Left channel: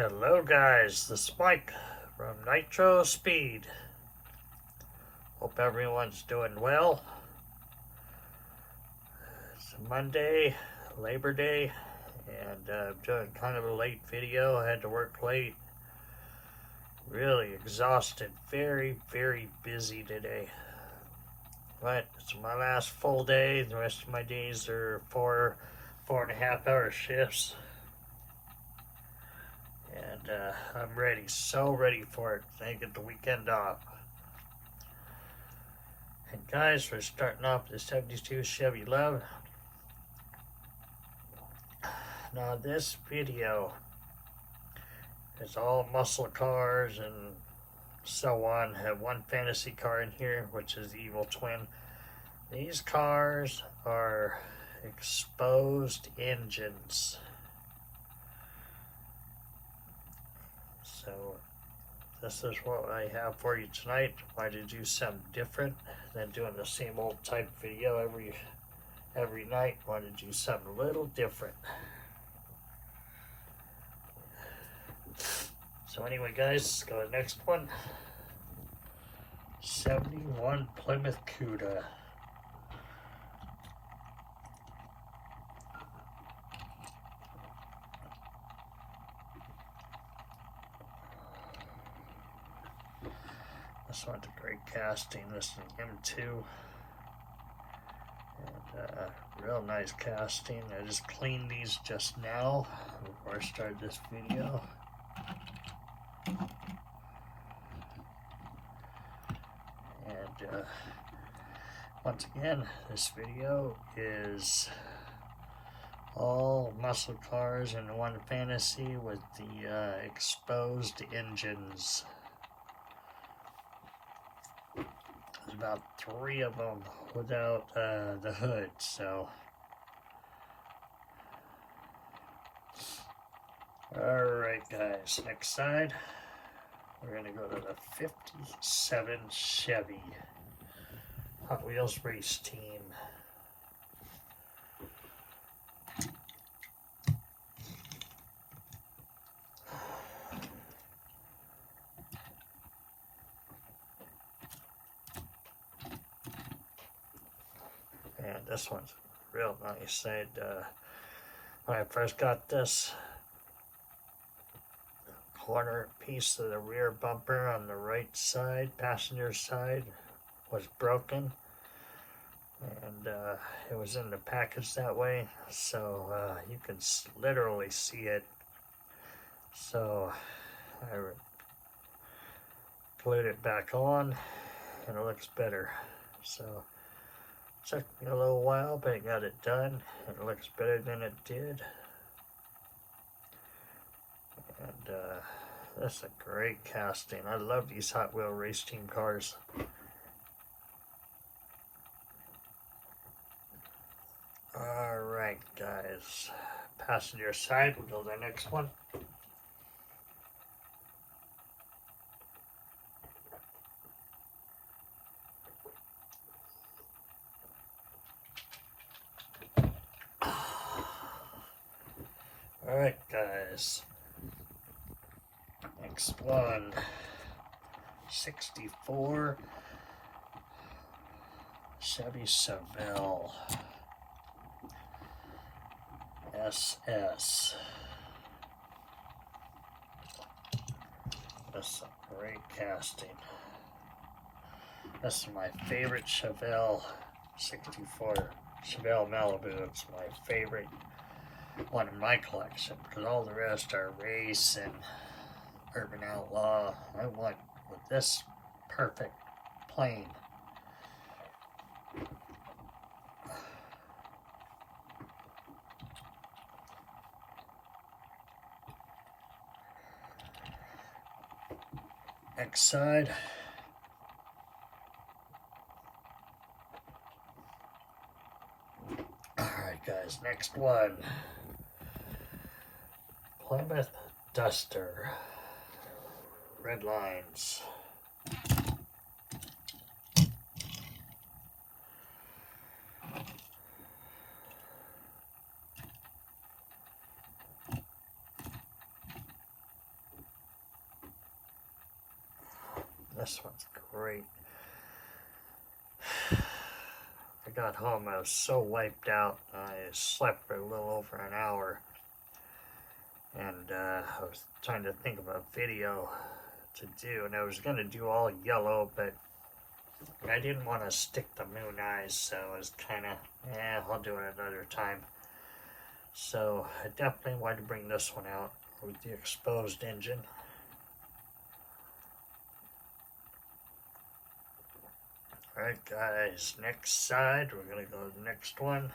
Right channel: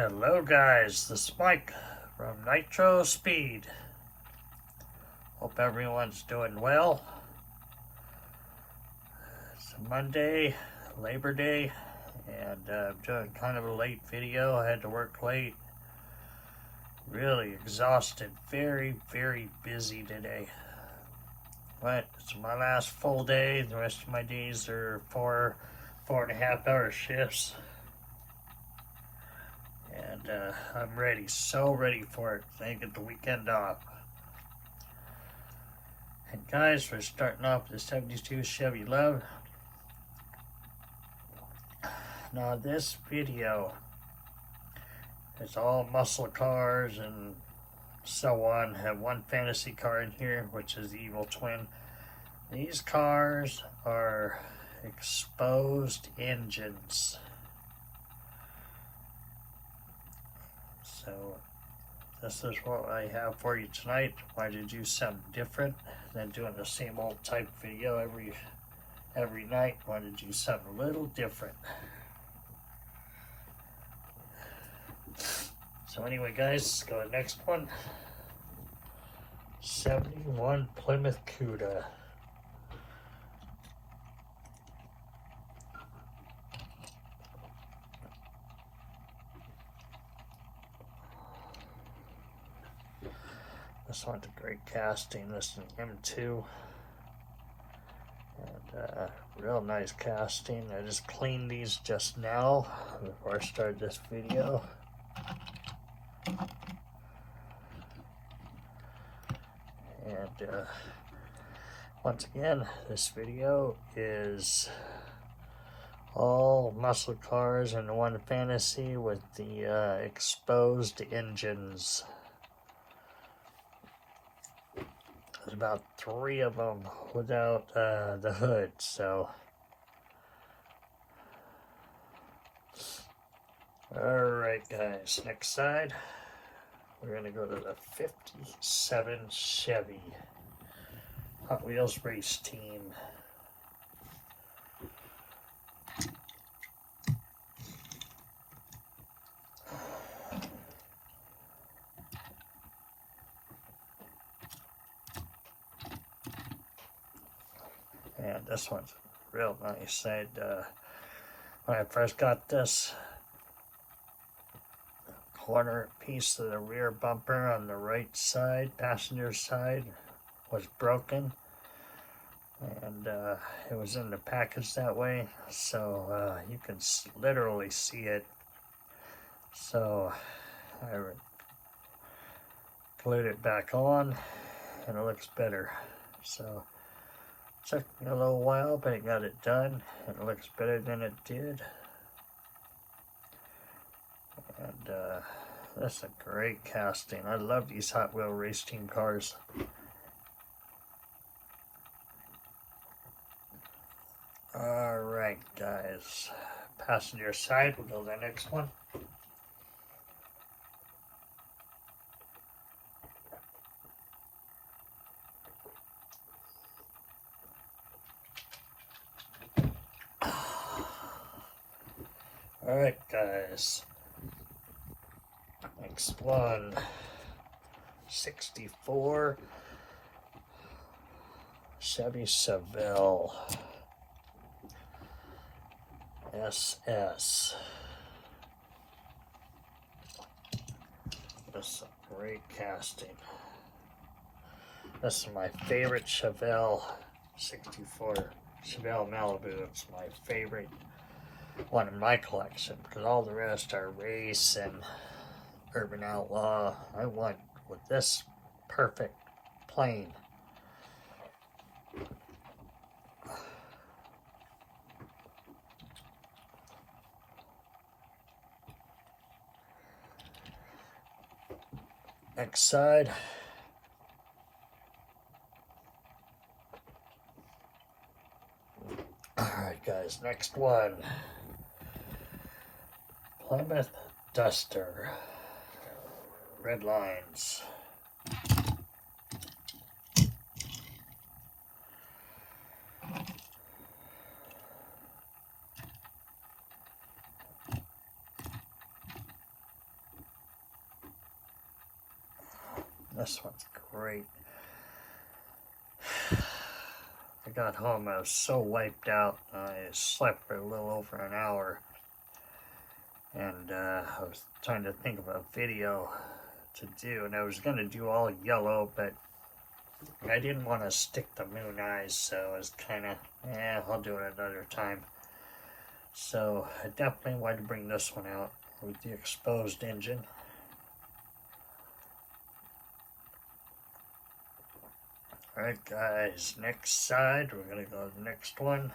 Hello guys, this is Mike from Nitro Speed. Hope everyone's doing well. It's a Monday, Labor Day, and I'm doing kind of a late video. I had to work late. Really exhausted, very busy today. But it's my last full day. The rest of my days are four and a half hour shifts. And I'm ready, so ready for it. I get the weekend off. And guys, we're starting off with the 72 Chevy Love. Now this video is all muscle cars and so on. I have one fantasy car in here, which is the Evil Twin. These cars are exposed engines. So this is what I have for you tonight. Why to do something different than doing the same old type video every night. Wanted to do something a little different. So anyway guys, let's go to the next one. 71 Plymouth Cuda. This one's a great casting. This is an M2. And real nice casting. I just cleaned these just now before I started this video. And once again, this video is all muscle cars and one fantasy with the exposed engines. There's about 3 of them without the hood, so. Alright guys, next side, we're going to go to the 57 Chevy Hot Wheels race team. And this one's real nice. When I first got this, corner piece of the rear bumper on the right side, passenger side, was broken. And it was in the package that way, so you can literally see it. So I glued it back on, and it looks better. So took me a little while, but I got it done. It looks better than it did. And that's a great casting. I love these Hot Wheel race team cars. Alright guys, passenger side, we'll go to the next one. Alright guys, next one, 64 Chevy Chevelle SS. That's a great casting. This is my favorite Chevelle 64 Chevelle Malibu. It's my favorite one in my collection because all the rest are race and urban outlaw. I went with this perfect plain. Next side. Alright guys, next one. Plymouth Duster. Red lines. This one's great. I got home, I was so wiped out. I slept for a little over an hour. And I was trying to think of a video to do. And I was going to do all yellow, but I didn't want to stick the moon eyes. So I was kind of, I'll do it another time. So I definitely wanted to bring this one out with the exposed engine. Alright guys, next side, we're going to go to the next one.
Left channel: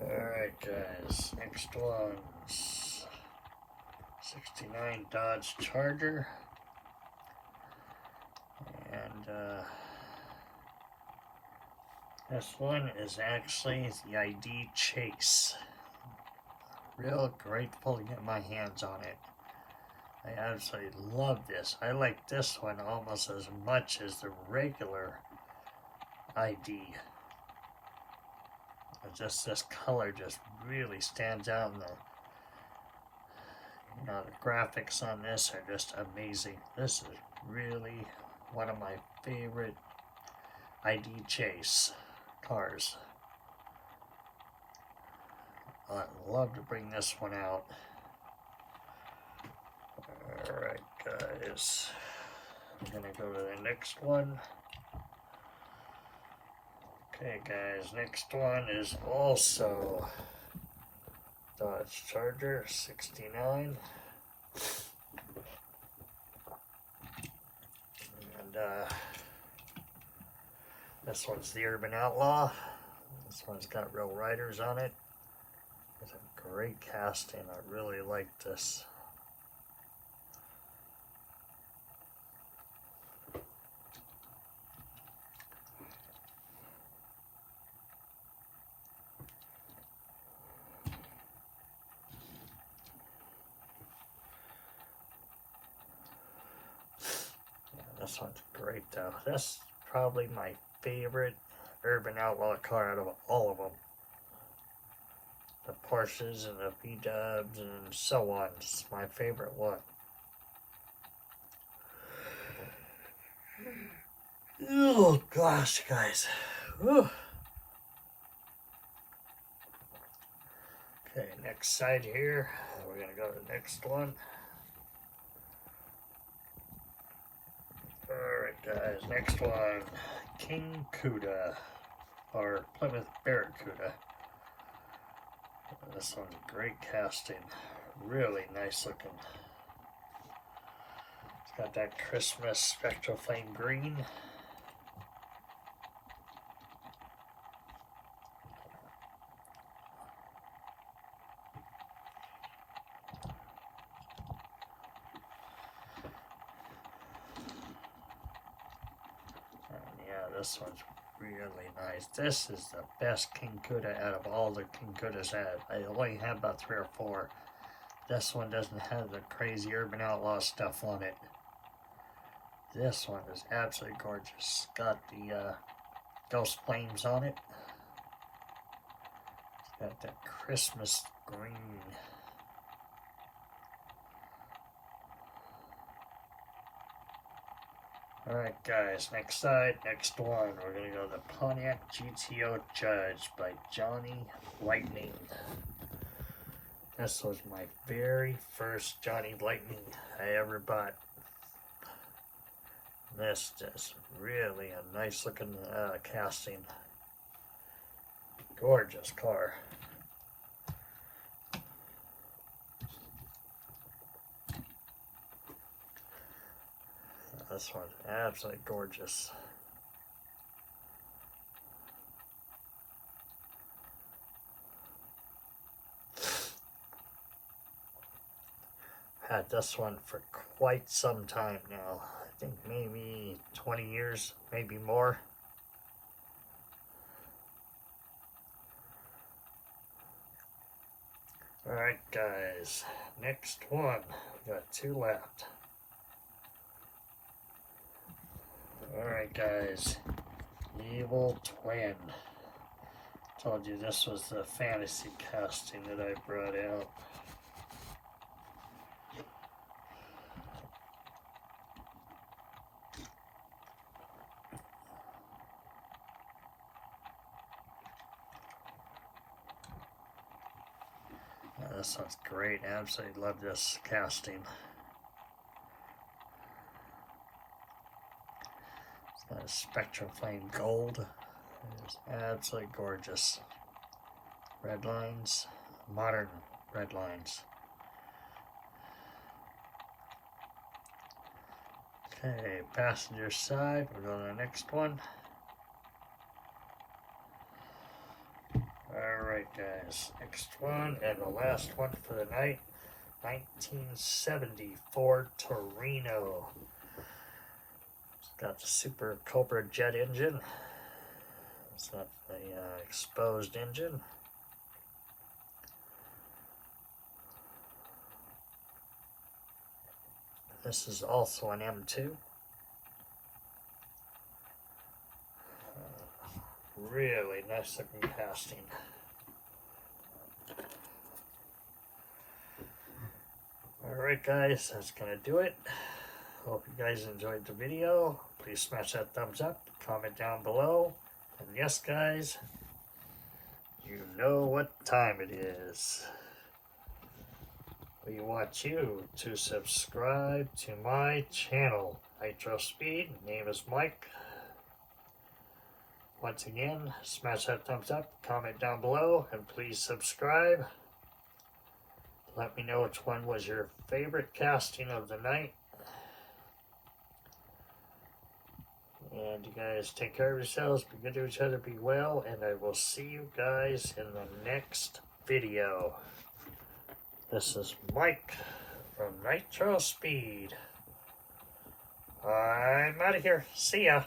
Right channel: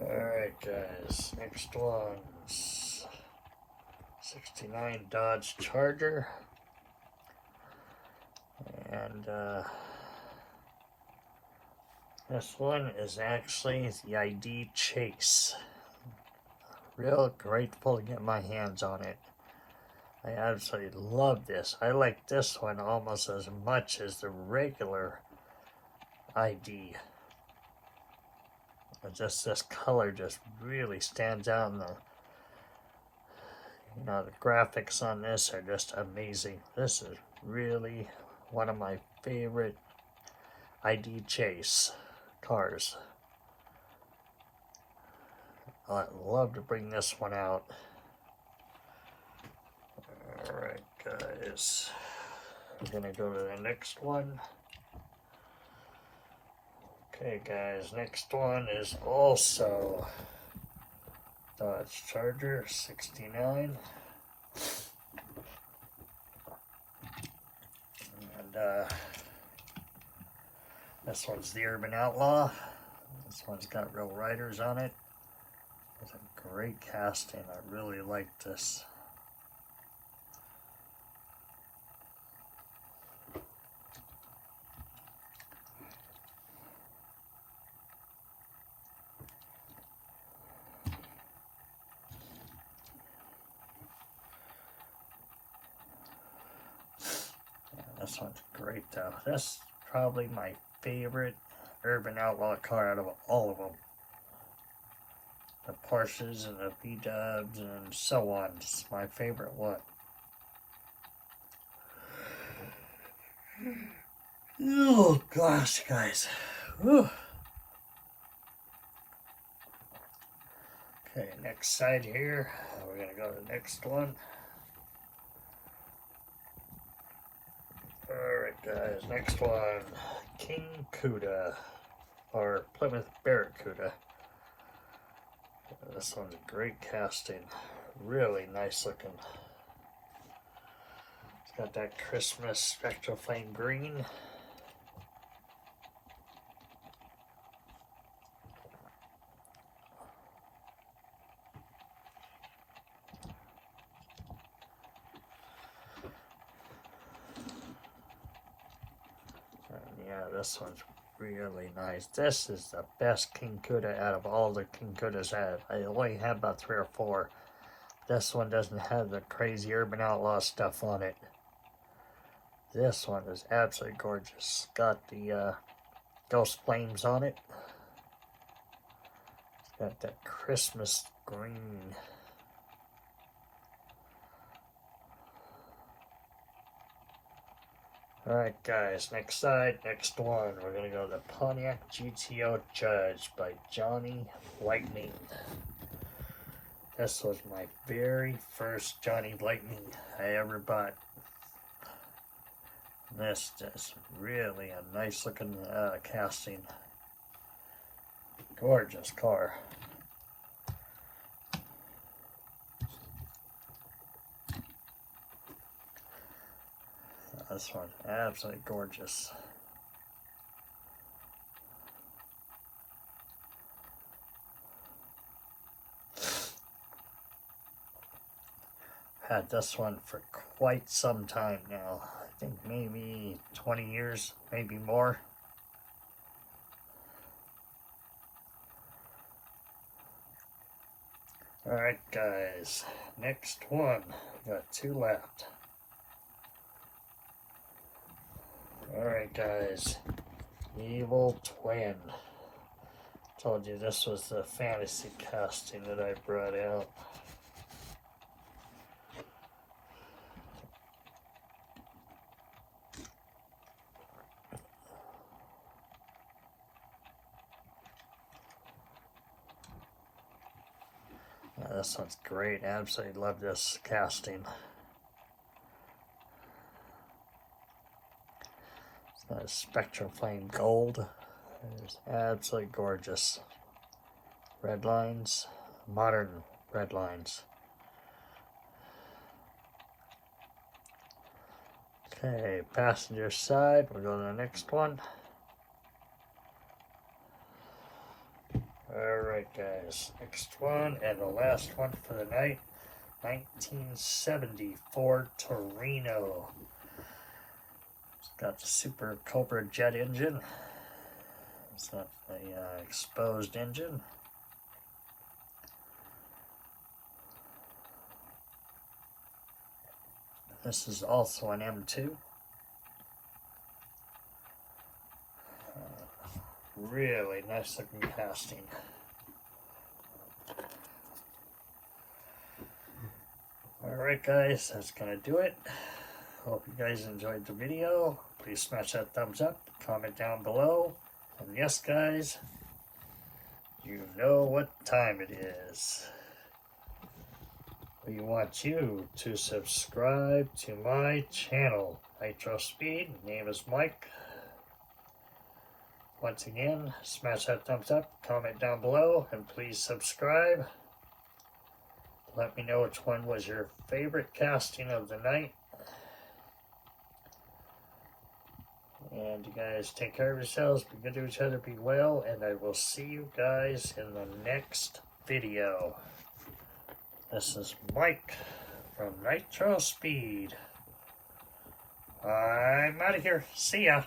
Alright guys, next one's 69 Dodge Charger. And this one is actually the ID Chase. Real grateful to get my hands on it. I absolutely love this. I like this one almost as much as the regular ID. Just this color just really stands out, and the graphics on this are just amazing. This is really one of my favorite ID Chase cars. I'd love to bring this one out. Alright guys, we're gonna go to the next one. Okay guys, next one is also Dodge Charger 69. And this one's the Urban Outlaw. This one's got real riders on it. It's a great casting. I really like this. This one's great though. That's probably my favorite Urban Outlaw car out of all of them. The Porsches and the V-dubs and so on. It's my favorite one. Oh gosh, guys. Whew. Okay, next side here. We're gonna go to the next one. Alright guys, next one, King Cuda, or Plymouth Barracuda. This one's a great casting, really nice looking. It's got that Christmas spectral flame green. This one's really nice. This is the best King Cuda out of all the King Cudas I have. I only have about 3 or 4. This one doesn't have the crazy Urban Outlaw stuff on it. This one is absolutely gorgeous. It's got the ghost flames on it. It's got that Christmas green. Alright guys, next side, next one. We're going to go to the Pontiac GTO Judge by Johnny Lightning. This was my very first Johnny Lightning I ever bought. This is really a nice looking casting. Gorgeous car. This one's absolutely gorgeous. Had this one for quite some time now. I think maybe 20 years, maybe more. Alright guys, next one. We got 2 left. Alright guys, Evil Twin. Told you this was the fantasy casting that I brought out. This one's great. I absolutely love this casting. It's got a Spectrum Flame Gold. It's absolutely gorgeous. Red lines, modern red lines. Okay, passenger side. We'll go to the next one. Alright guys, next one and the last one for the night, 1970 Ford Torino. It's got the Super Cobra jet engine. It's not the exposed engine. This is also an M2. Really nice looking casting. Alright guys, that's gonna do it. Hope you guys enjoyed the video. Please smash that thumbs up, comment down below. And yes guys, you know what time it is. We want you to subscribe to my channel, Nitro Speed. Name is Mike. Once again, smash that thumbs up, comment down below, and please subscribe. Let me know which one was your favorite casting of the night. And you guys take care of yourselves, be good to each other, be well, and I will see you guys in the next video. This is Mike from Nitro Speed. I'm out of here. See ya.